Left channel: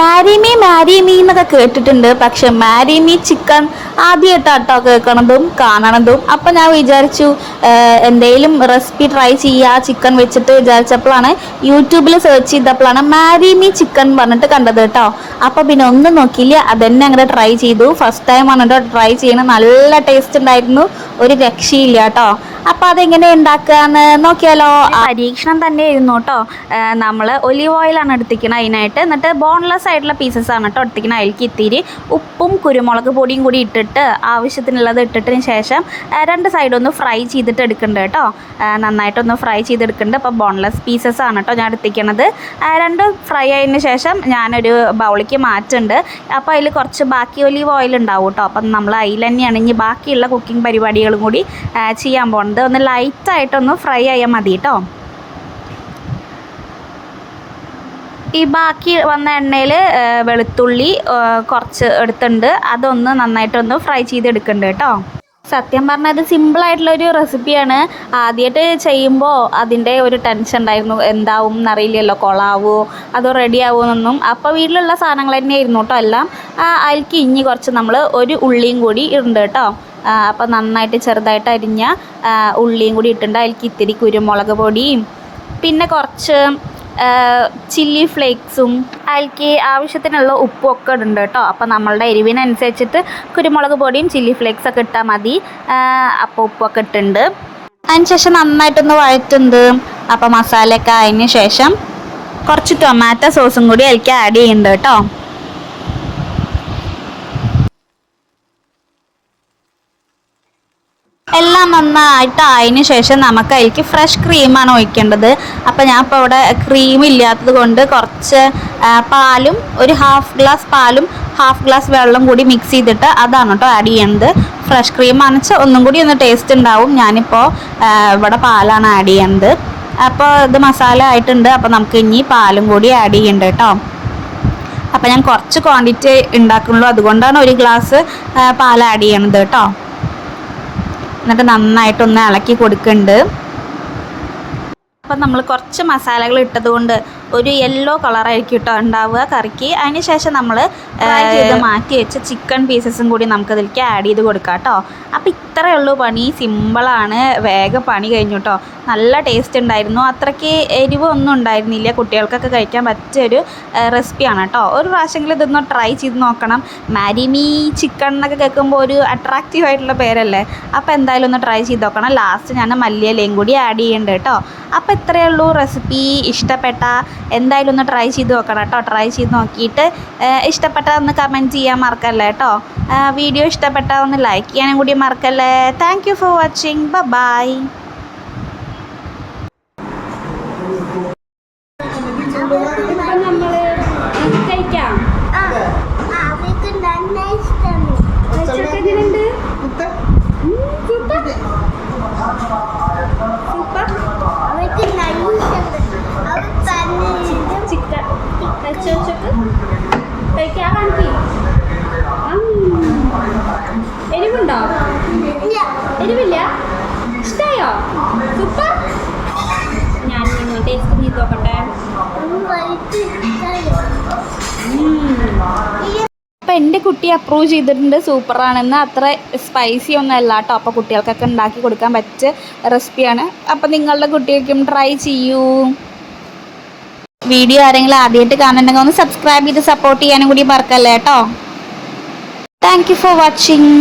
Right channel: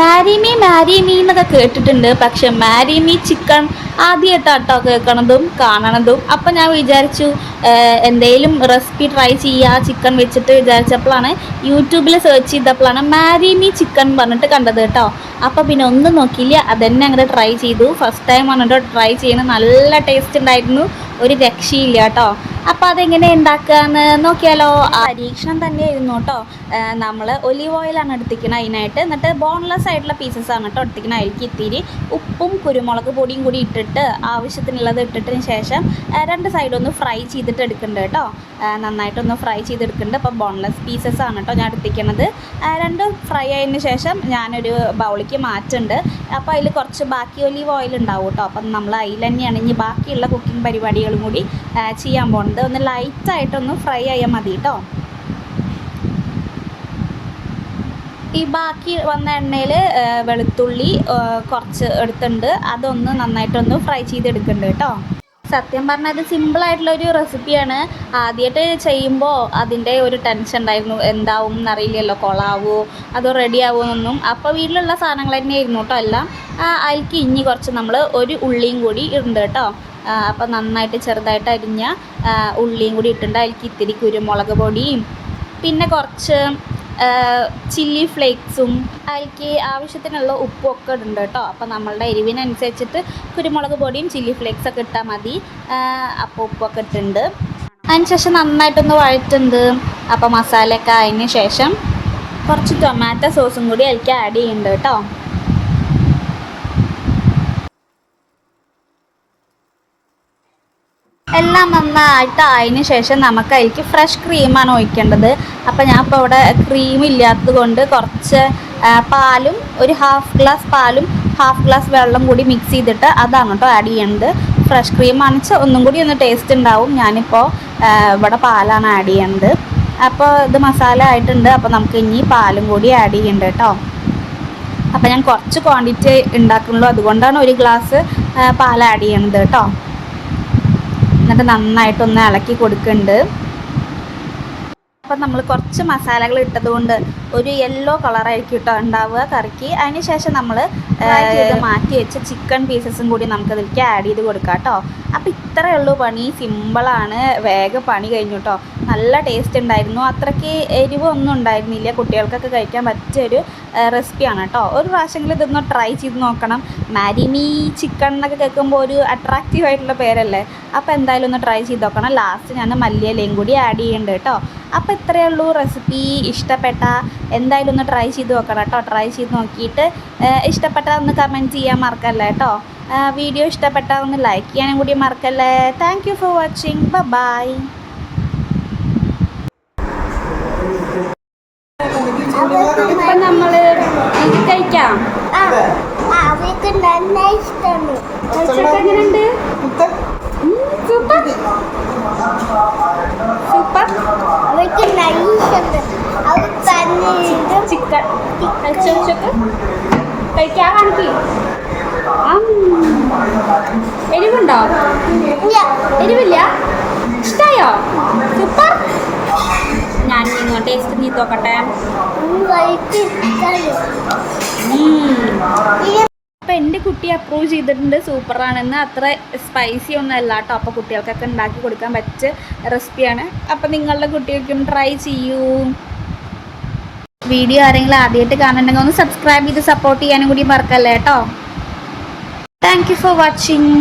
Marry me എന്നൊക്കെ കേട്ടിട്ടുണ്ട്. പക്ഷെ മാരി മീ ചിക്കൻ ആദ്യമായിട്ടാട്ടോ കേൾക്കണതും കാണണതും. അപ്പം ഞാൻ വിചാരിച്ചു എന്തെങ്കിലും റെസിപ്പി ട്രൈ ചെയ്യുക ചിക്കൻ വെച്ചിട്ട് വിചാരിച്ചപ്പോഴാണ് യൂട്യൂബിൽ സെർച്ച് ചെയ്തപ്പോഴാണ് മാരി മീ ചിക്കൻ പറഞ്ഞിട്ട് കണ്ടത് കേട്ടോ. അപ്പോൾ പിന്നെ ഒന്നും നോക്കിയില്ല, അതന്നെ അങ്ങനെ ട്രൈ ചെയ്തു. ഫസ്റ്റ് ടൈം വന്നിട്ട് ട്രൈ ചെയ്യണം. നല്ല ടേസ്റ്റ് ഉണ്ടായിരുന്നു, ഒരു രക്ഷയില്ല കേട്ടോ. അപ്പോൾ അതെങ്ങനെ ഉണ്ടാക്കാന്ന് നോക്കിയാലോ. പരീക്ഷണം തന്നെ ആയിരുന്നു കേട്ടോ. നമ്മൾ ഒലിവ് ഓയിലാണ് എടുത്തിരിക്കുന്നത് അതിനായിട്ട്. എന്നിട്ട് ബോൺലെസ് ആയിട്ടുള്ള പീസസ് ആണ് കേട്ടോ എടുത്തിരിക്കുന്നത്. അതിലേക്ക് ഇത്തിരി ഉപ്പും കുരുമുളക് പൊടിയും കൂടി ഇട്ടിട്ട് ആവശ്യത്തിനുള്ളത് ഇട്ടിട്ടതിന് ശേഷം രണ്ട് സൈഡൊന്ന് ഫ്രൈ ചെയ്തിട്ട് എടുക്കുന്നുണ്ട് കേട്ടോ. നന്നായിട്ടൊന്ന് ഫ്രൈ ചെയ്തെടുക്കുന്നുണ്ട്. അപ്പോൾ ബോൺലെസ് പീസസ് ആണ് കേട്ടോ ഞാൻ എടുത്തിരിക്കുന്നത്. രണ്ടും ഫ്രൈ ആയതിന് ശേഷം ഞാനൊരു ബൗളിലേക്ക് മാറ്റുന്നുണ്ട്. അപ്പോൾ അതിൽ കുറച്ച് ബാക്കി ഒലിവ് ഓയിൽ ഉണ്ടാവും കേട്ടോ. അപ്പം നമ്മൾ അതിൽ തന്നെയാണ് ഇനി ബാക്കിയുള്ള കുക്കിംഗ് പരിപാടികളും കൂടി ചെയ്യാൻ പോകുന്നത്. ഒന്ന് ലൈറ്റായിട്ടൊന്ന് ഫ്രൈ ആയാൽ മതി കേട്ടോ. ഈ ബാക്കി വന്ന എണ്ണയിൽ വെളുത്തുള്ളി കുറച്ച് എടുത്തിട്ടുണ്ട്, അതൊന്ന് നന്നായിട്ടൊന്ന് ഫ്രൈ ചെയ്തെടുക്കുന്നുണ്ട് കേട്ടോ. സത്യം പറഞ്ഞാൽ ഇത് സിമ്പിളായിട്ടുള്ളൊരു റെസിപ്പിയാണ്. ആദ്യമായിട്ട് ചെയ്യുമ്പോൾ അതിൻ്റെ ഒരു ടെൻഷൻ ഉണ്ടായിരുന്നു, എന്താവും എന്നറിയില്ലല്ലോ, കൊളാവോ അതോ റെഡി ആവുമെന്നൊന്നും. അപ്പോൾ വീട്ടിലുള്ള സാധനങ്ങൾ തന്നെയായിരുന്നു കേട്ടോ എല്ലാം. അതിലേക്ക് ഇനി കുറച്ച് നമ്മൾ ഒരു ഉള്ളിയും കൂടി ഇടുന്നുണ്ട് കേട്ടോ. അപ്പോൾ നന്നായിട്ട് ചെറുതായിട്ട് അരിഞ്ഞ ഉള്ളിയും കൂടി ഇട്ടിട്ടുണ്ട്. അതിലേക്ക് ഇത്തിരി കുരുമുളക് പൊടിയും പിന്നെ കുറച്ച് ചില്ലി ഫ്ലേക്സും അതിലേക്ക് ആവശ്യത്തിനുള്ള ഉപ്പും ഒക്കെ ഇടുന്നുണ്ട് കേട്ടോ. അപ്പോൾ നമ്മളുടെ എരിവിനനുസരിച്ചിട്ട് കുരുമുളക് പൊടിയും ചില്ലി ഫ്ലേക്സൊക്കെ ഇട്ടാൽ മതി. അപ്പോൾ ഉപ്പൊക്കെ ഇട്ടിട്ടുണ്ട്. അതിന് ശേഷം നന്നായിട്ടൊന്ന് വഴറ്റുന്നുണ്ട്. അപ്പോൾ മസാലയൊക്കെ അതിന് ശേഷം കുറച്ച് ടൊമാറ്റോ സോസും കൂടി അതിലേക്ക് ആഡ് ചെയ്യുന്നുണ്ട് കേട്ടോ. എല്ലാം നന്നായിട്ട് ആയതിന് ശേഷം നമുക്ക് അതിലേക്ക് ഫ്രഷ് ക്രീമാണ് ഒഴിക്കേണ്ടത്. അപ്പോൾ ഞാൻ ഇപ്പോൾ ഇവിടെ ക്രീം ഇല്ലാത്തത് കൊണ്ട് കുറച്ച് പാലും ഒരു ഹാഫ് ഗ്ലാസ് പാലും ഹാഫ് ഗ്ലാസ് വെള്ളം കൂടി മിക്സ് ചെയ്തിട്ട് അതാണ് കേട്ടോ ആഡ് ചെയ്യുന്നത്. ഫ്രഷ് ക്രീം ആണെന്ന് ഒന്നും കൂടി ഒന്ന് ടേസ്റ്റ് ഉണ്ടാവും. ഞാനിപ്പോൾ ഇവിടെ പാലാണ് ആഡ് ചെയ്യുന്നത്. അപ്പോൾ ഇത് മസാല ആയിട്ടുണ്ട്. അപ്പോൾ നമുക്ക് ഇനി പാലും കൂടി ആഡ് ചെയ്യേണ്ടത് കേട്ടോ. അപ്പോൾ ഞാൻ കുറച്ച് ക്വാണ്ടിറ്റി ഉണ്ടാക്കുന്നുള്ളൂ, അതുകൊണ്ടാണ് ഒരു ഗ്ലാസ് പാൽ ആഡ് ചെയ്യണത് കേട്ടോ. എന്നിട്ട് നന്നായിട്ടൊന്ന് ഇളക്കി കൊടുക്കുന്നുണ്ട്. അപ്പം നമ്മൾ കുറച്ച് മസാലകൾ ഇട്ടത് കൊണ്ട് ഒരു യെല്ലോ കളറായിരിക്കും കേട്ടോ ഉണ്ടാവുക കറിക്ക്. അതിന് ശേഷം നമ്മൾ ചെയ്ത് മാറ്റി വെച്ച ചിക്കൻ പീസസും കൂടി നമുക്കതിലേക്ക് ആഡ് ചെയ്ത് കൊടുക്കാം കേട്ടോ. അപ്പോൾ ഇത്രയേ ഉള്ളൂ പണി, സിമ്പിളാണ്, വേഗം പണി കഴിഞ്ഞു കേട്ടോ. നല്ല ടേസ്റ്റ് ഉണ്ടായിരുന്നു, അത്രയ്ക്ക് എരിവൊന്നും ഉണ്ടായിരുന്നില്ല. കുട്ടികൾക്കൊക്കെ കഴിക്കാൻ പറ്റിയൊരു റെസിപ്പിയാണ് കേട്ടോ. ഒരു പ്രാവശ്യമെങ്കിലും ഇതൊന്ന് ട്രൈ ചെയ്ത് നോക്കണം. മാരി മീ ചിക്കൻ എന്നൊക്കെ കേൾക്കുമ്പോൾ ഒരു അട്രാക്റ്റീവ് ആയിട്ടുള്ള പേരല്ലേ. അപ്പോൾ എന്തായാലും ഒന്ന് ട്രൈ ചെയ്ത് നോക്കണം. ലാസ്റ്റ് ഞാൻ മല്ലിയിലയും കൂടി ആഡ് ചെയ്യുന്നുണ്ട് കേട്ടോ. അപ്പോൾ ഇത്രയേ ഉള്ളൂ റെസിപ്പി. ഇഷ്ടപ്പെട്ട എന്തായാലും ഒന്ന് ട്രൈ ചെയ്ത് നോക്കണം കേട്ടോ. ട്രൈ ചെയ്ത് നോക്കിയിട്ട് ഇഷ്ടപ്പെട്ടാൽ കമൻറ്റ് ചെയ്യാൻ മറക്കല്ലേ കേട്ടോ. വീഡിയോ ഇഷ്ടപ്പെട്ടാൽ ഒന്ന് ലൈക്ക് ചെയ്യാനും കൂടി മറക്കല്ലേ. Thank you for watching. Bye. ഇപ്പം നമ്മൾ കഴിക്കാം. എങ്ങനെയുണ്ട്? Super super. ചിക്കൻ കഴിച്ചോക്ക് കഴിക്കാൻ കാണിക്കും. എരിവുണ്ടോ? എരിവില്ല. ഇഷ്ടായോ? സൂപ്പർ. ഞാൻ നിങ്ങൾ ടേസ്റ്റ് ചെയ്ത് നോക്കട്ടെ. അപ്പോൾ എൻ്റെ കുട്ടി അപ്രൂവ് ചെയ്തിട്ടുണ്ട് സൂപ്പറാണെന്ന്. അത്ര സ്പൈസി ഒന്നും അല്ല കേട്ടോ. അപ്പോൾ കുട്ടികൾക്കൊക്കെ ഉണ്ടാക്കി കൊടുക്കാൻ പറ്റിയ റെസിപ്പിയാണ്. അപ്പോൾ നിങ്ങളുടെ കുട്ടികൾക്കും ട്രൈ ചെയ്യൂ. വീഡിയോ ആരെങ്കിലും ആദ്യമായിട്ട് കാണുന്നുണ്ടെങ്കിൽ ഒന്ന് സബ്സ്ക്രൈബ് ചെയ്ത് സപ്പോർട്ട് ചെയ്യാനും കൂടി മറക്കല്ലേ കേട്ടോ. Thank you for watching.